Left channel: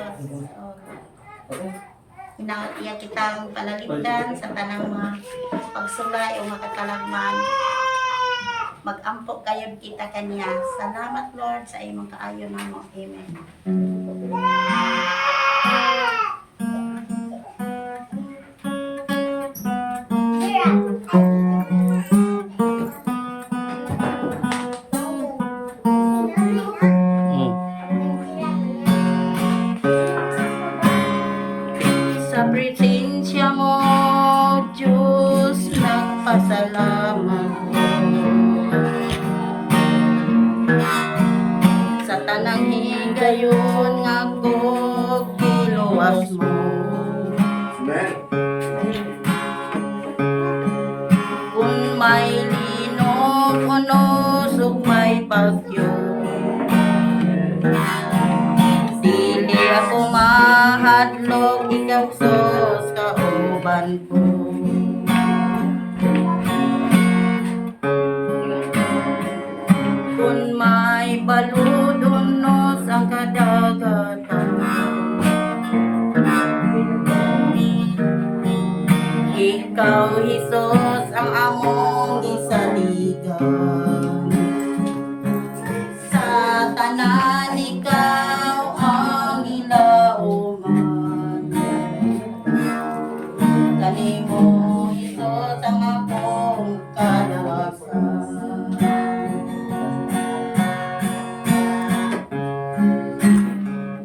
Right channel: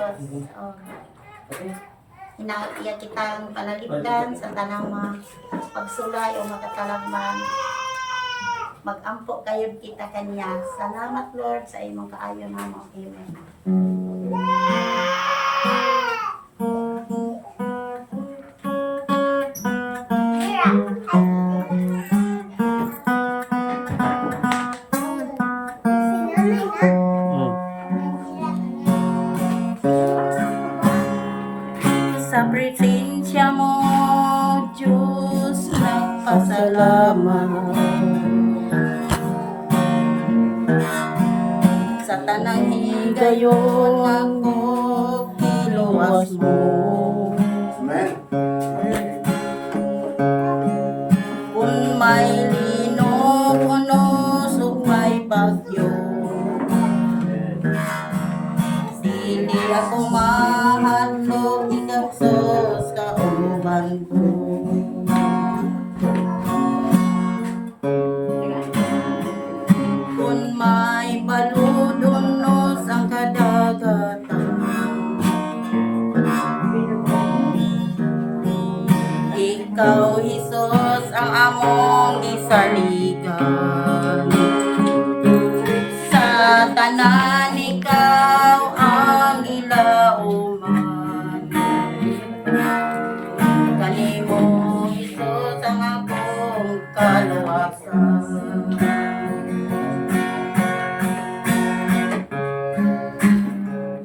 Diyos. Iya kitang panalipdan sa tanang mga pagsulay o makatalagman. Mag-ampo kayo kita kanya. Salamat Lord sa imong kaayon mo. Amen. Sa presensya mo, Diyos, nagpasalamat. Sa tanang higayon ako kiluwas mo. Kung may linog o nosog may bagyo, dili ako mahadlok, ikaw sus kauban ko. Kung may baludunos ang kadagatan, ikaw Hesus ang among gisaligan. Sa tanan ikaw ang gilauman, kanimo Hesus ang akong kaluwasan.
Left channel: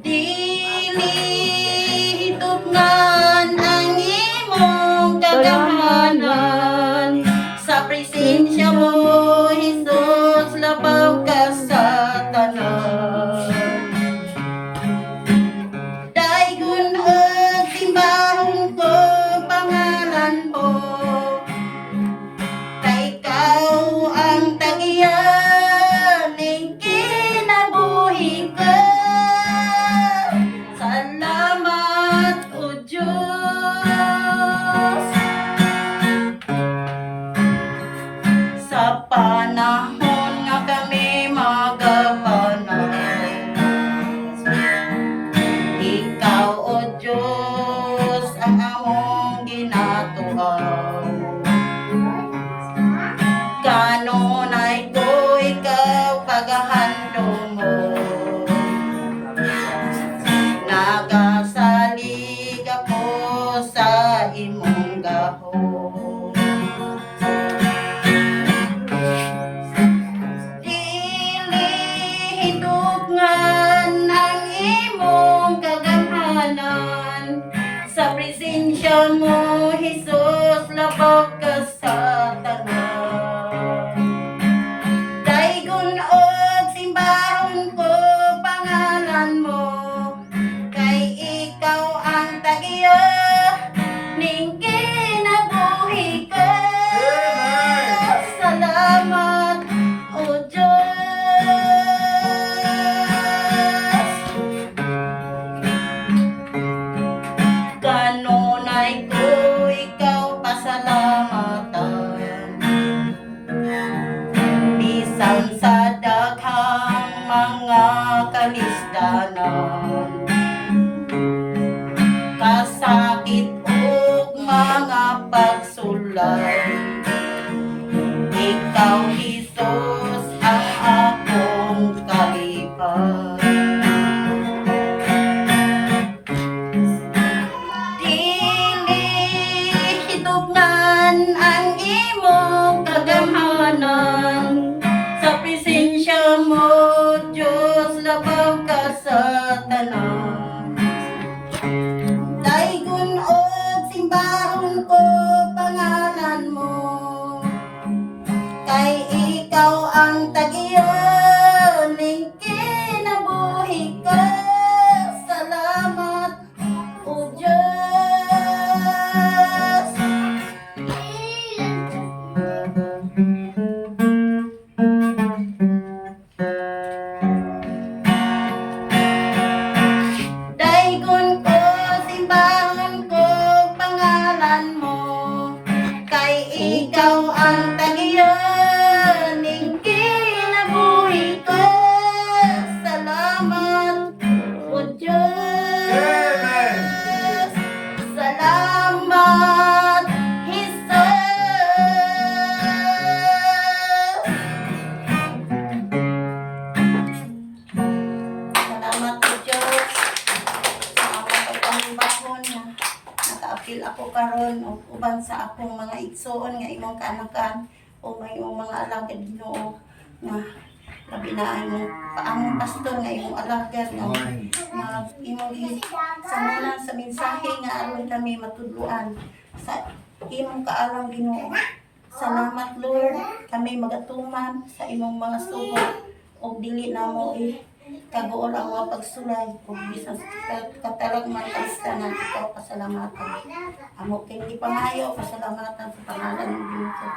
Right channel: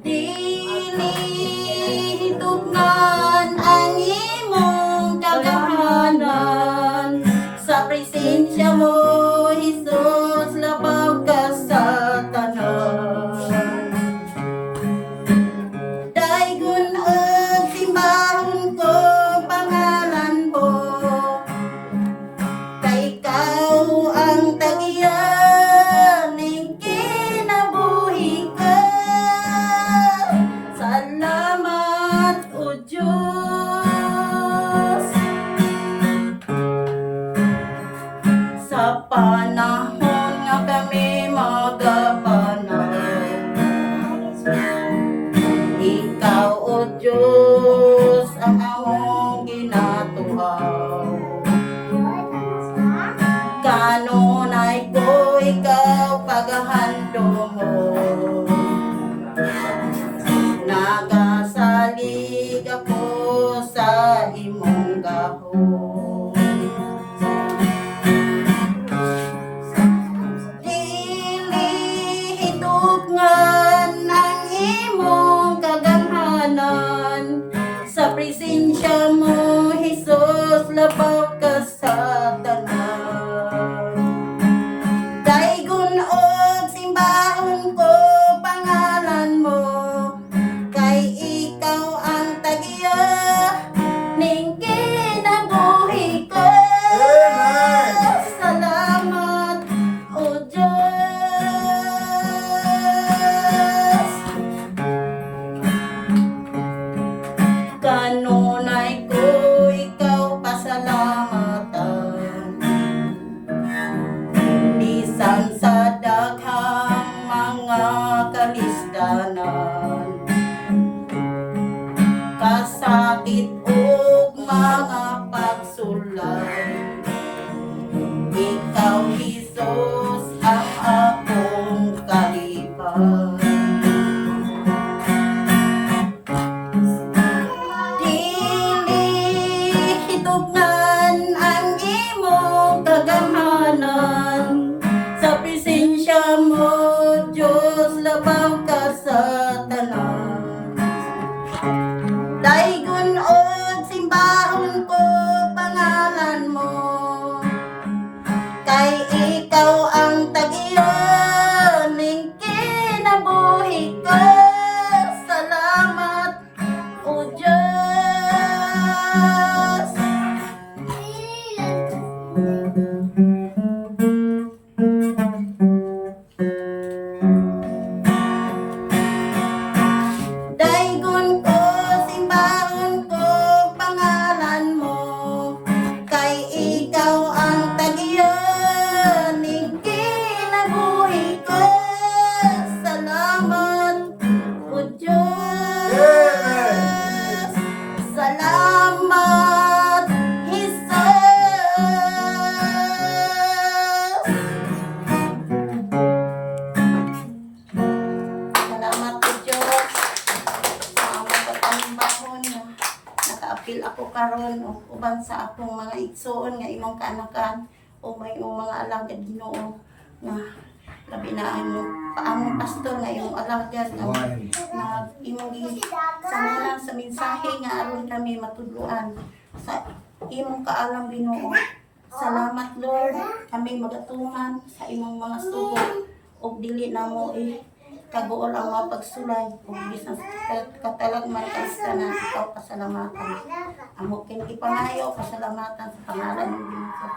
Dili hitugnan ang imong kagamanan, sa presensya mo Hesus labaw ka sa tanan. Daygon og timbahon ko pangalan mo, kay ikaw ang tagiyan ning kinabuhi ko. Salamat o Diyos sa panahon nga kami magapanay. Ikaw o Diyos ang among ginatuhaw. Kanunay ko ikaw pagahando mo, nagasalig ako sa imong gahom. Dili hitugnan ang imong kagamhanan, sa presensya mo Hesus labaw ka sa tanan. Daygon og simbahon ko pangalan mo, kay ikaw ang tagiya ning kinabuhi ko. Salamat o Diyos. Kanunay ko ikaw pasalamatan, ako karon o uban sa akong mga igsoon nga imong kaanakan o may imong mga alagad Ginoo nga labi na among pastor nga imong alagad nga imong sangalan sa mensahe nga aron kami matudloan sa imong kaalam Ginoo. Salamat Lord, kami magatuman sa imong mga sugo o dili na mo kagool ang mga pagsulay ug bisan sa katalagman kalistanan ikaw pasalamatan. Amo kay gipangayo pasalamatan sa pangalan ng Ginoo.